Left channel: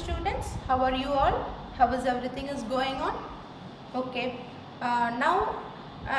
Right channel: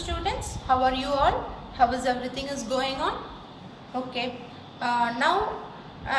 students, how are you all? How is everything is going on? Okay, now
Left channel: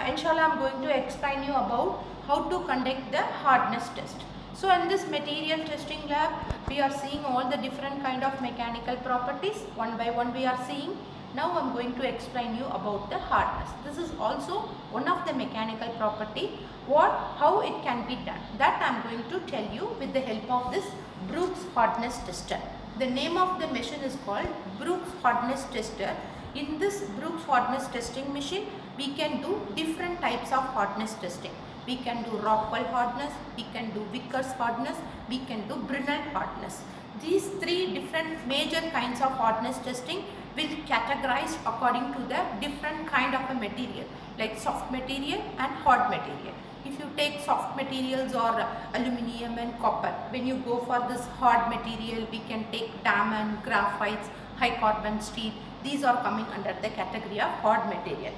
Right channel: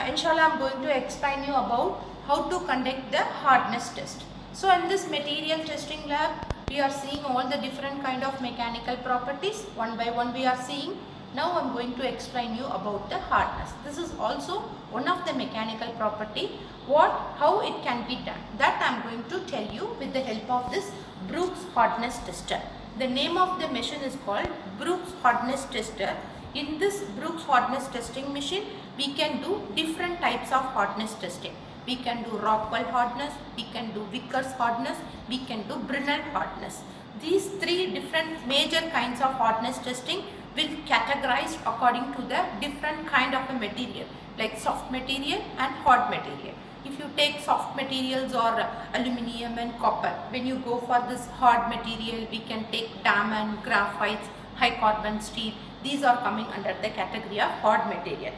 inshallah I'm going to explain you about how to conduct the hardness test. So in this material testing lab, we are seeing all the different kind of mechanical properties. One by one we are seeing. Now I'm going to explain you about the hardness. This is also one of the mechanical property. How it can be done. That I'm going to tell you with the help of this Brooks hardness tester. The name of the machine is called Brooks hardness tester. In this Brooks hardness testing machine, we can do different types of hardness testing. We can do Rockwell hardness, we can do Vickers hardness, we can do Brinell hardness. These three different major kinds of hardness testing will categorize according to the different kind of a material, like soft material and hard material. If you take soft materials or aluminium and copper, when you go for this hard material, we can take diamond, graphite, high carbon steel. These are coming under the category of hard material.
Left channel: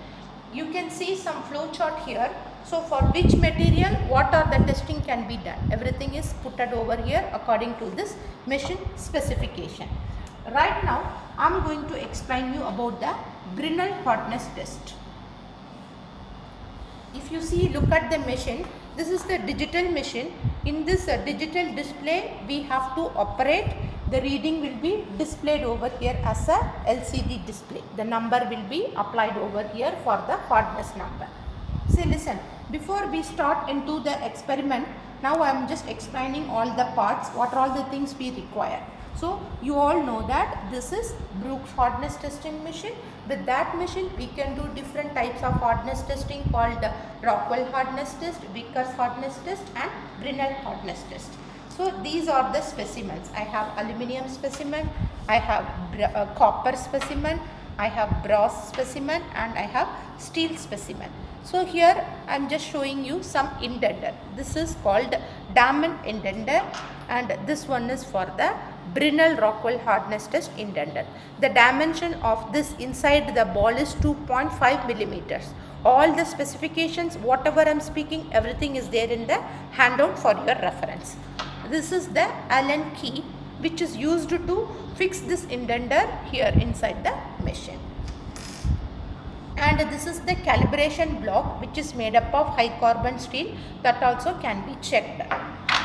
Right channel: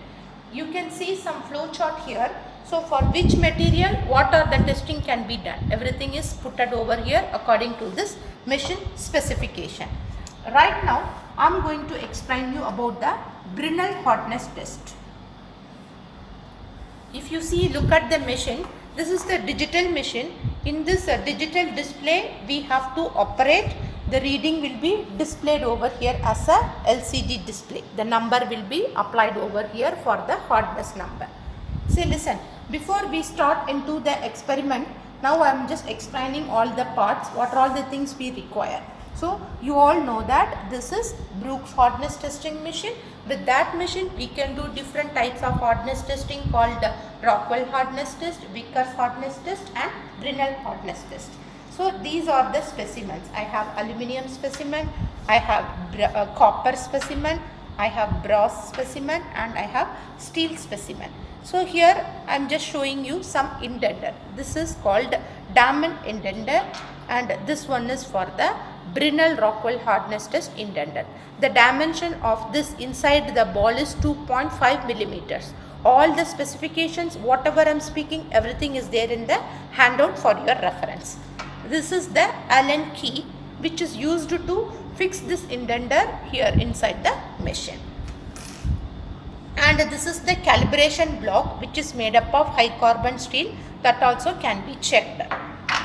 You can see some flow chart here. So for which material, what are the testing can be done? Everything is put over here according to this machine specification. Right now, I am going to explain you about the Brinell hardness test. If you see, look at the machine. This is the digital machine. In this digital display, we have to operate. The reading will be displayed over here as a LCD display. The number will be applied over here for the hardness number. See, listen, before we start into the experiment, now I am just explaining all the parts, what are all the things we require. So, you all know that this is Brooks hardness testing machine. With that machine, we can do different types of hardness testing called Rockwell hardness test, Vickers hardness test and Brinell hardness test. So, these are the specimens. I have aluminium specimen, I have copper specimen, I have brass specimen and I have steel specimen. So, here I am just showing you some indenter. This is called diamond indenter and this one is for the Brinell Rockwell hardness test indenter. The dimension of this inside the ball is 2.5 millimeters. All the specifications, whatever I am speaking, everything is there in the handout for your reference. This is the Allen key which is used to fix this indenter here inside the machine. And this is the calibration block which is made up of high carbon steel, that also can be checked.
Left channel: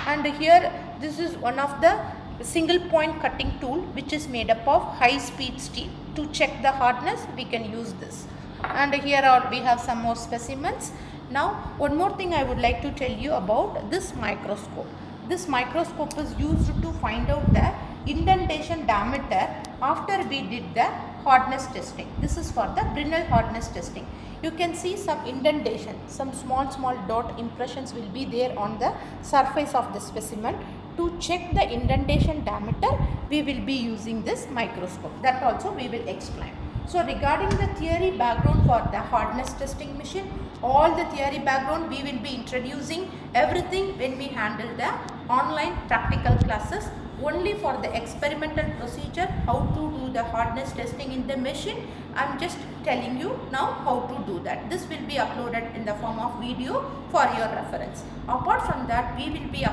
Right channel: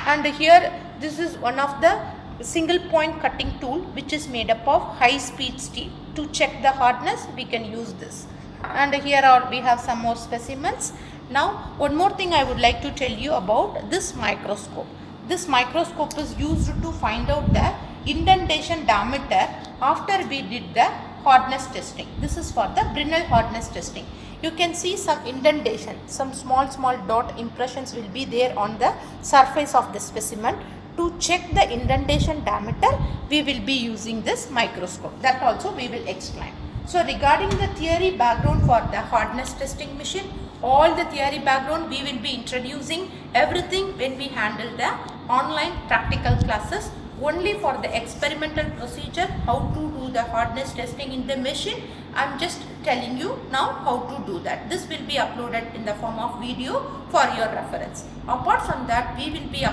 And here this is one of the single point cutting tool which is made up of high speed steel. To check the hardness, we can use this. And here we have some more specimens. Now one more thing I would like to tell you about this microscope. This microscope is used to find out the indentation diameter after we did the hardness testing. This is for the Brinell hardness testing. You can see some indentation, some small dot impressions will be there on the surface of the specimen. To check the indentation diameter, we will be using this microscope. That also we will explain. So regarding the theory background for the hardness testing machine, all the theory background we will be introducing everything when we handle the online practical classes. Only for the experimental procedure, how to do the hardness testing in the machine, I am just telling you now how to do that. This will be uploaded in the form of video for your reference. Apart from that, we will be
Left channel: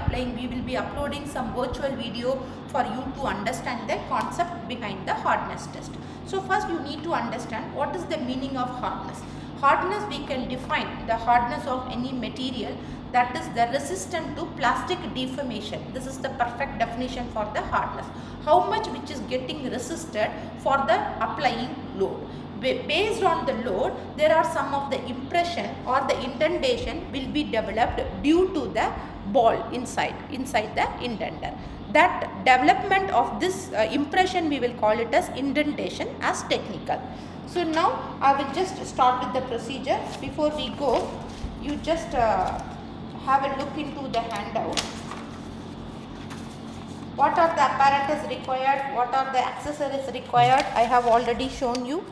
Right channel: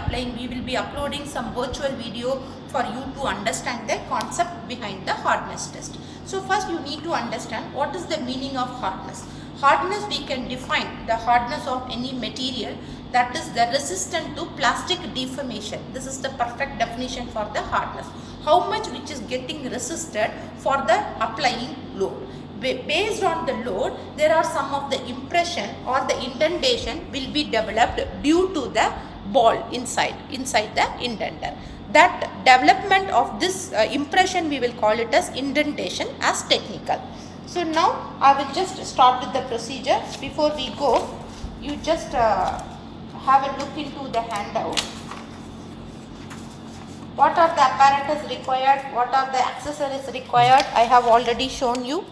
uploading some virtual video for you to understand the concept behind the hardness test. So first you need to understand what is the meaning of hardness. Hardness, we can define the hardness of any material, that is the resistant to plastic deformation. This is the perfect definition for the hardness. How much which is getting resisted for the applying load. Based on the load, there are some of the impression or the indentation will be developed due to the ball inside the indenter. That development of this impression, we will call it as indentation as technical. So now I will just start with the procedure. Before we go, you just have a look into the handout. What are the apparatus required? What are the accessories required? I have already shown you.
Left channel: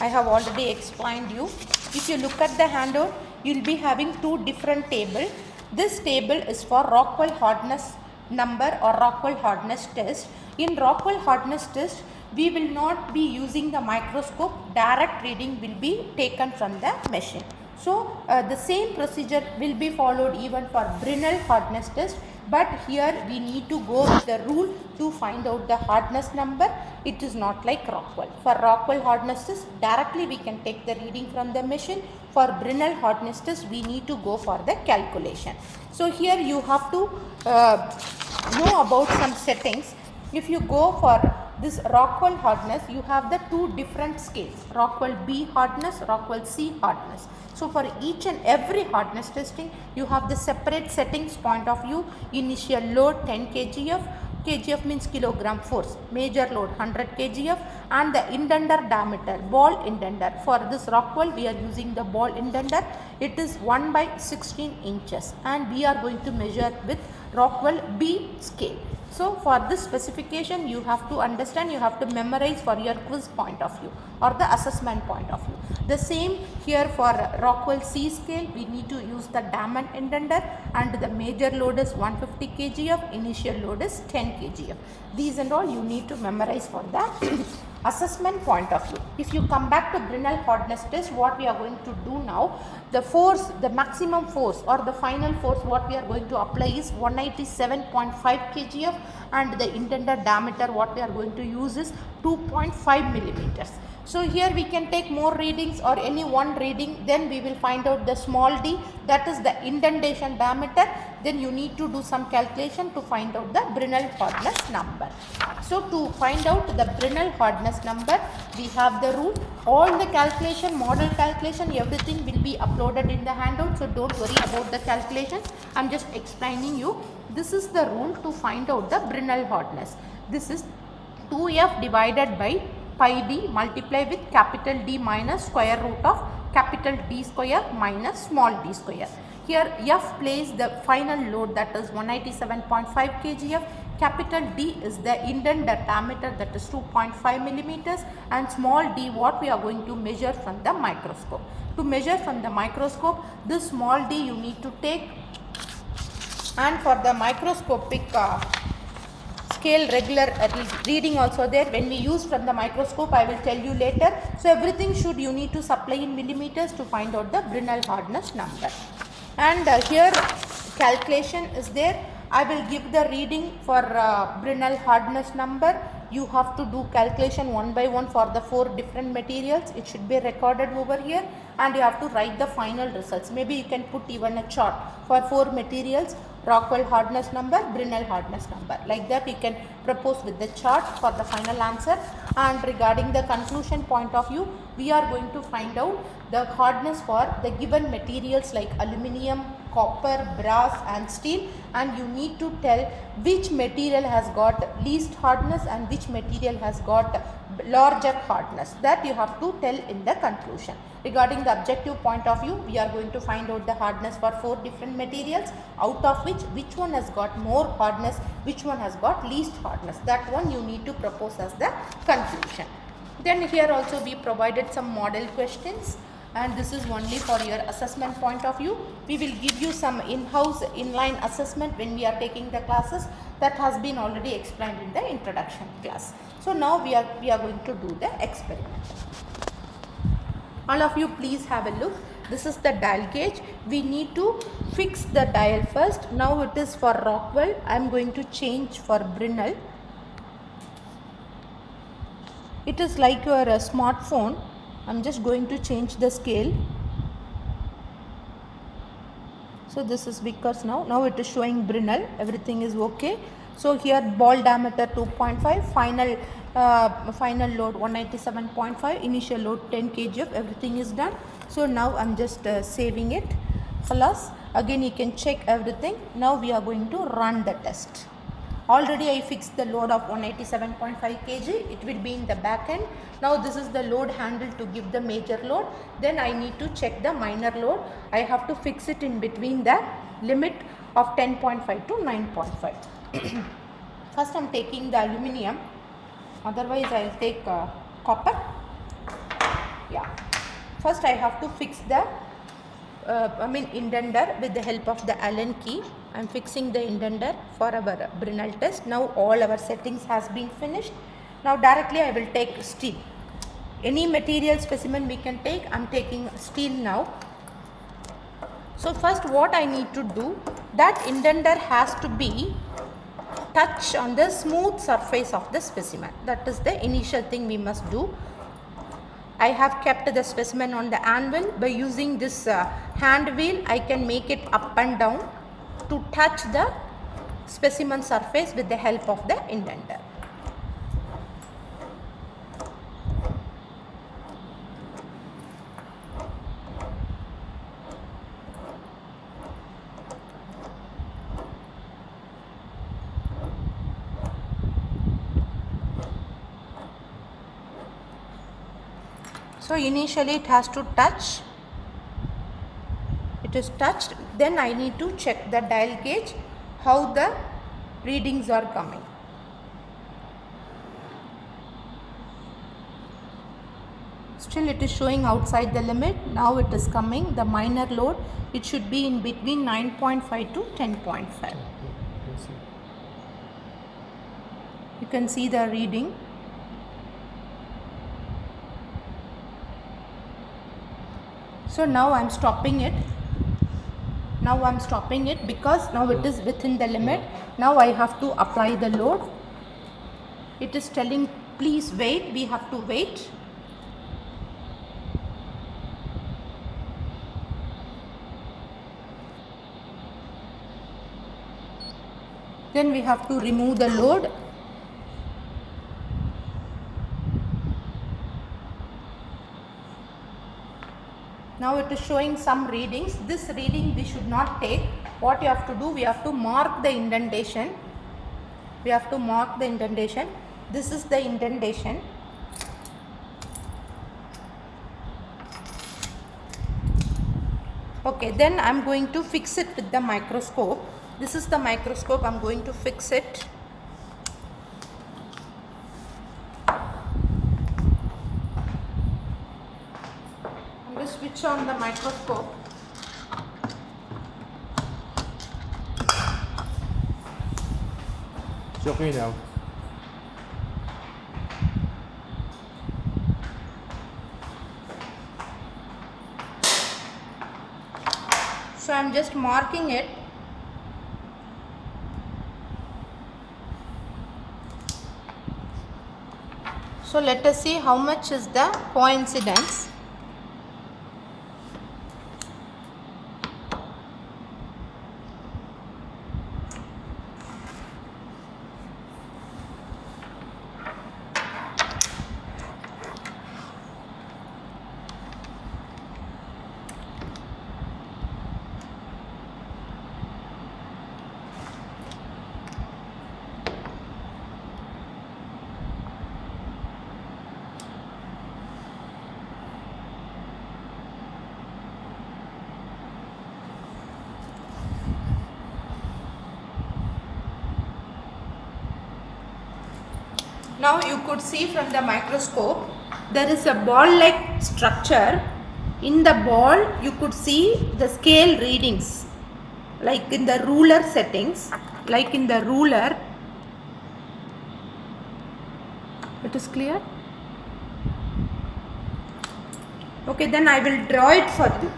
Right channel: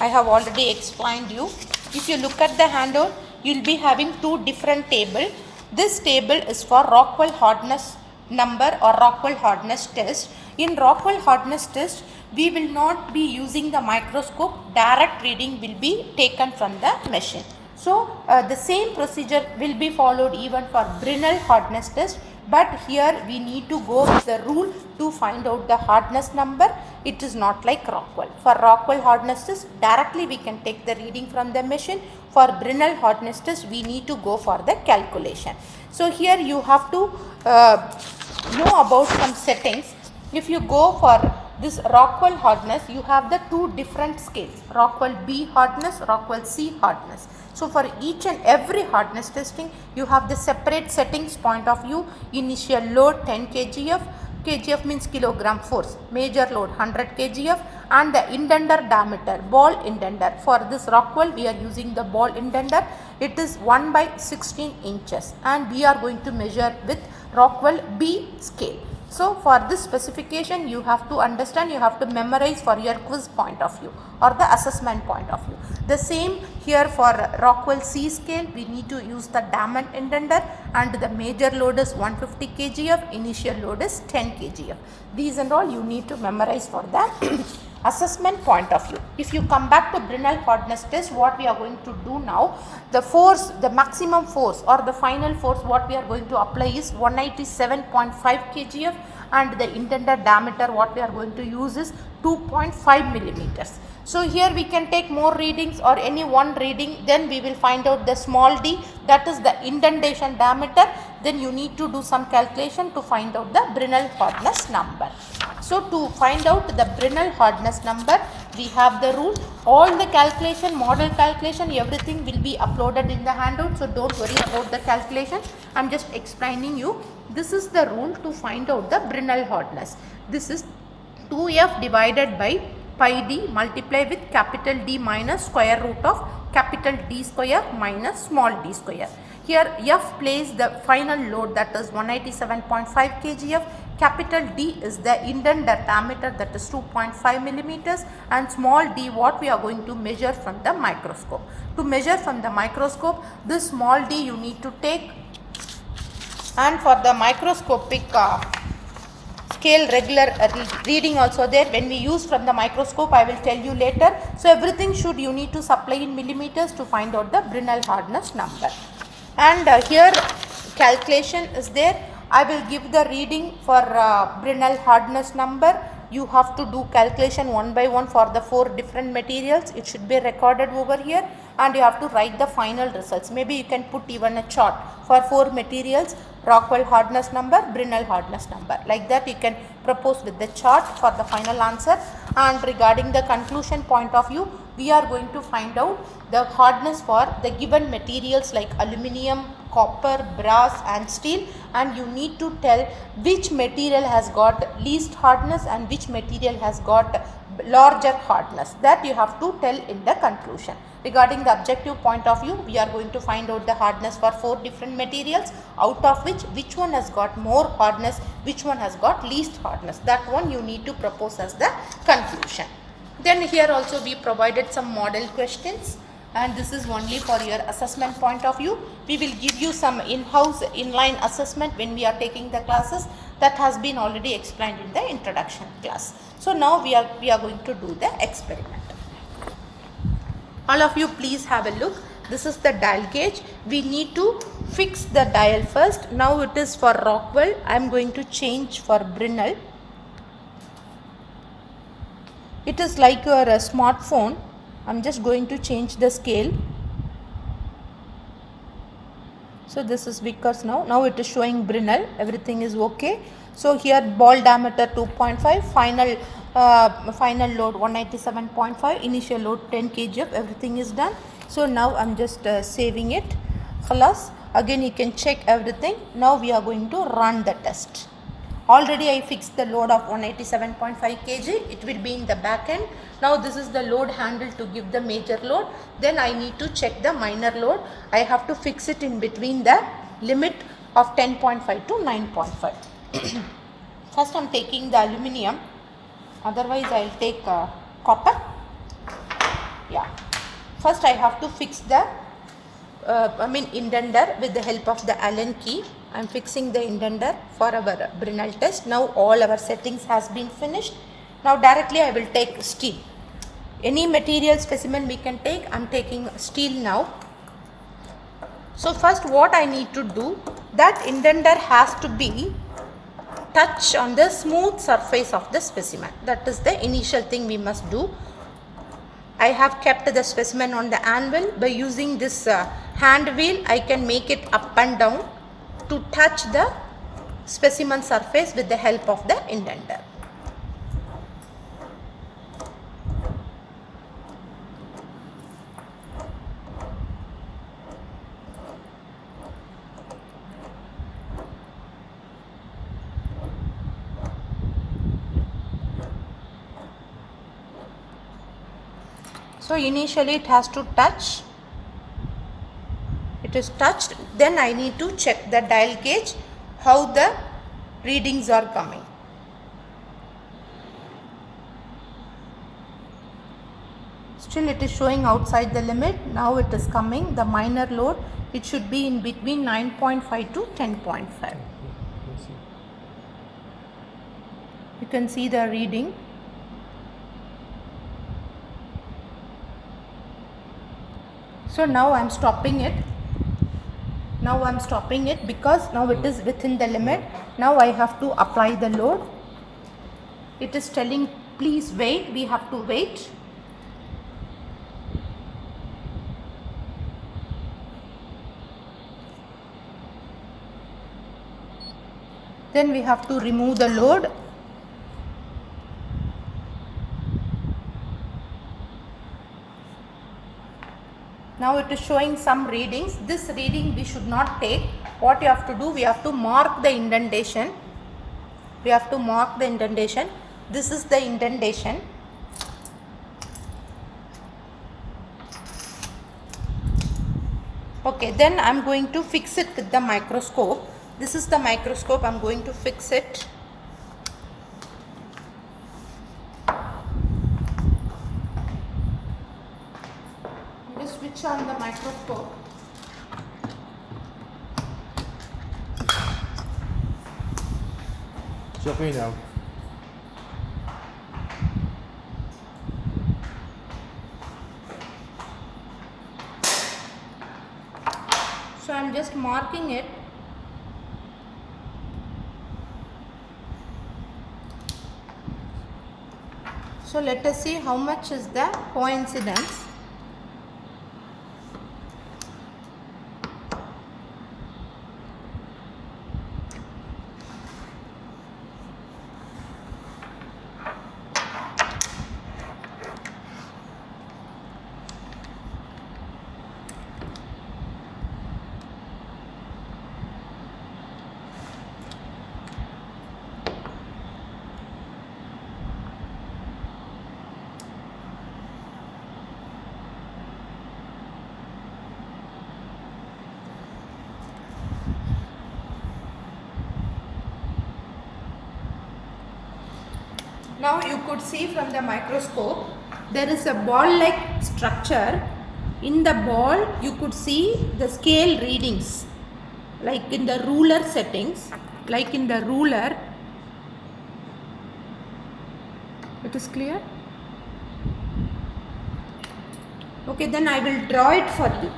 I have already explained you. If you look at the handout, you will be having two different tables. This table is for Rockwell hardness number or Rockwell hardness test. In Rockwell hardness test, we will not be using the microscope. Direct reading will be taken from the machine. So, the same procedure will be followed even for Brinell hardness test. but here we need to go with the rule to find out the hardness number. It is not like Rockwell. For Rockwell hardness test, directly we can take the reading from the machine. For Brinell hardness test, we need to go for the calculation. So here you have to know about some settings. If you go for this Rockwell hardness, you have the two different scales, Rockwell B hardness, Rockwell C hardness. So for each and every hardness testing, you have the separate settings point of view. Initial load 10 kgf, kgf means kilogram force, major load 100 kgf, and the indenter diameter, ball indenter. For this Rockwell, we are using the ball indenter. It is 1 by 16 inches, and we are going to measure with Rockwell B scale. So for this specification, you have to understand, you have to memorize for your quiz point of view or the assessment point of view. The same here for Rockwell C scale, we need to use the diamond indenter, and the major load is 150 kgf, initial load is 10 kgf. These and all you need to memorize for that. Assessment point of view. If you come back to Brinell hardness test, what we are going to do now, the force, the maximum force or the final force what we are going to apply is 187.5 kgf, and the indenter diameter what we are going to use is 2.5 millimeters. So here we can take more readings or any one reading, then we will find out the small d, that is the indentation diameter. Then you need to do some calculation to find out the Brinell hardness number. So to find out the Brinell hardness number, we have the rule. All the calculation, model calculation, everything will be uploaded in the handout. So don't worry about the calculation. I am just explaining you. This is the rule to find out the Brinell hardness. This is 2f divided by pi d multiplied with capital D minus square root of capital D square minus small d square. Here F plays the final load, that is 187.5 kgf. Capital D is the indenter diameter, that is 2.5 millimeters, and small d what we are going to measure from the microscope. To measure from the microscope, this small d you need to take, and for the microscopic scale regular reading also there. When we use from the microscope, I will tell you later. So everything should you need to supply in millimeters to find out the Brinell hardness number. And here calculation is there. I will give the reading for Brinell hardness number. You have to do calculation one by one for the 4 different materials. It should be recorded over here, and you have to write the final results. Maybe you can put even a chart for 4 materials, Rockwell hardness number, Brinell hardness number. Like that you can propose with the chart for the final answer. And regarding the conclusion point of view, we are going to find out the hardness for the given materials like aluminium, copper, brass and steel, and you need to tell which material has got least hardness and which material has got larger hardness. That you have to tell in the conclusion. Regarding the objective point of view, we are going to find out the hardness for 4 different materials, out of which one has got more hardness, which one has got least hardness. That one you need to propose as the conclusion. Then here also we provided some model questions, and this is only for your assessment point of view. We will give you some in-house inline assessment when we are taking the classes. That has been already explained in the introduction class. So now we are going to do the experiment. All of you please have a look. This is the dial gauge. We need to fix the dial first. Now it is for Rockwell. I am going to change for Brinell. It is like your smartphone. I am just going to change the scale. So this is Vickers now. Now it is showing Brinell. Everything is okay. So here ball diameter 2.5, final load 197.5, initial load 10 kgf. Everything is done. So now I am just saving it. Khalas. Again you can check everything. Now we are going to run the test. Already I fixed the load of 187.5 kg. It will be in the back end. Now this is the load handle to give the major load. Then I need to check the minor load. I have to fix it in between the limit of 10.5 to 9.5. First I am taking the aluminium. Otherwise I will take copper. Yeah. First I have to fix the indenter with the help of the Allen key. I am fixing the indenter for our Brinell test. Now all our settings has been finished. Now directly I will take steel. Any material specimen we can take. I am taking steel now. So first what I need to do, that indenter has to be touch on the smooth surface of the specimen. That is the initial thing we must do. I have kept the specimen on the anvil. By using this hand wheel, I can make it up and down to touch the specimen surface with the help of the indenter. So initially it has to touch, it is touched, then I need to check the dial gauge, how the readings are coming. Still it is showing outside the limit. Now it is coming, the minor load, it should be in between 9.5 to 10.5. You can see the reading. So now I am stopping it. Now I am stopping it because now it is within the limit. Now I have to apply the load. It is telling please wait, we have to wait. Then we have to remove the load. Now it is showing some readings. This reading we should not take. What you have to do, we have to mark the indentation. We have to mark the indentation. This is the indentation. Okay, then I am going to fix it with the microscope. This is the microscope, I am going to fix it. Switch on the microscope. It's okay now. So I am just marking it. So let us see how much is the coincidence. Now you could see from the microscope there is a ball-like structure. In the ball you could see the scale readings, like in the ruler settings, like in the ruler. It is clear? Okay, then I will draw it for you.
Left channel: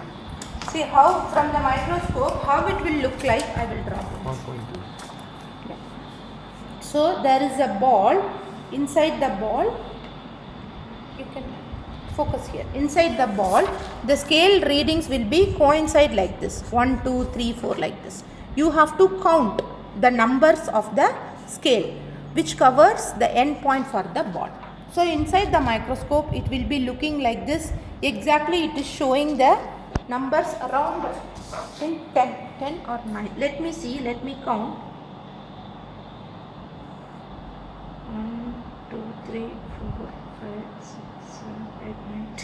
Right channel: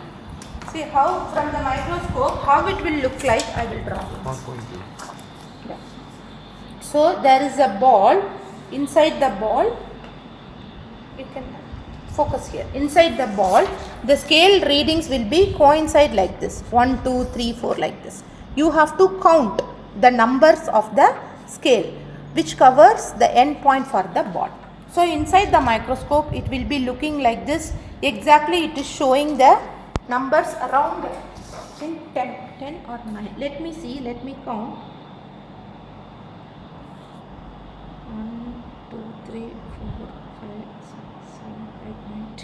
See how from the microscope how it will look like. I will draw it. 1.2. So there is a ball. Inside the ball, you can focus here. Inside the ball, the scale readings will be coincide like this, 1, 2, 3, 4 like this. You have to count the numbers of the scale which covers the end point for the ball. So inside the microscope it will be looking like this. Exactly it is showing the numbers around 10 or 9. Let me see, let me count. 1, 2, 3, 4, 5, 6, 7, 8, 9,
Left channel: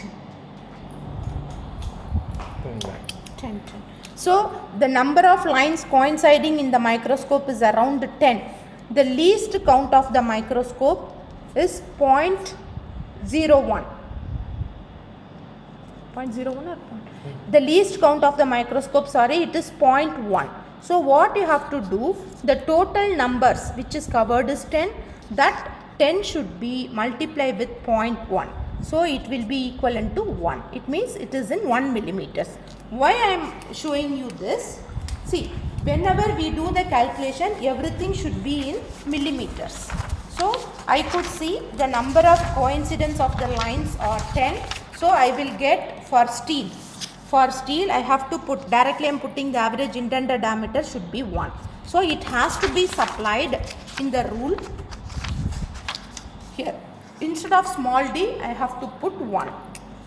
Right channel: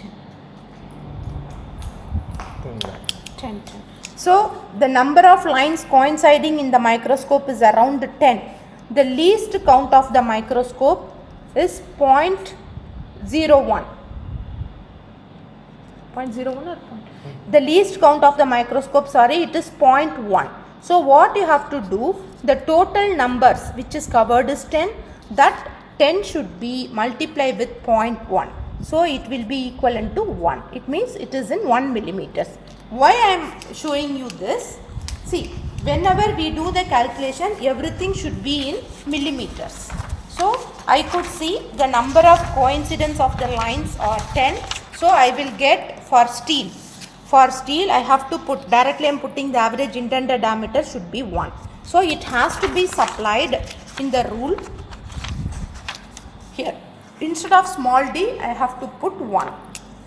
10. 10. So the number of lines coinciding in the microscope is around 10. The least count of the microscope is 0.01. 0.01 or the least count of the microscope, sorry, it is 0.1. So what you have to do, the total numbers which is covered is 10. That 10 should be multiplied with 0.1. So it will be equivalent to 1. It means it is in 1 millimeters. Why I am showing you this? See, whenever we do the calculation, everything should be in millimeters. So I could see the number of coincidence of the lines are 10. So I will get for steel. For steel, I have to put directly. I am putting the average intended diameter should be 1. So it has to be supplied in the rule here. Instead of small d, I have to put 1.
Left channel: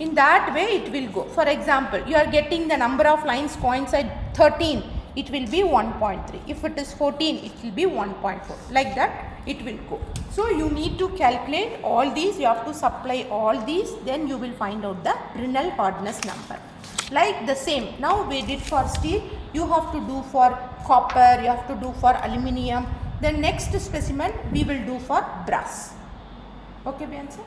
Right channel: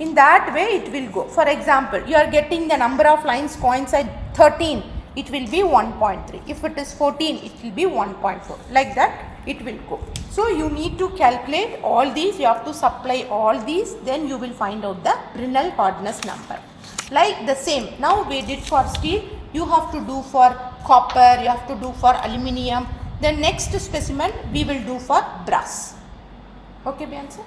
In that way, it will go. For example, you are getting the number of lines coincide 13. It will be 1.3. If it is 14, it will be 1.4. Like that, it will go. So you need to calculate all these. You have to supply all these. Then you will find out the Brinell hardness number. Like the same. Now we did for steel. You have to do for copper. You have to do for aluminium. The next specimen we will do for brass. Okay, Bianca?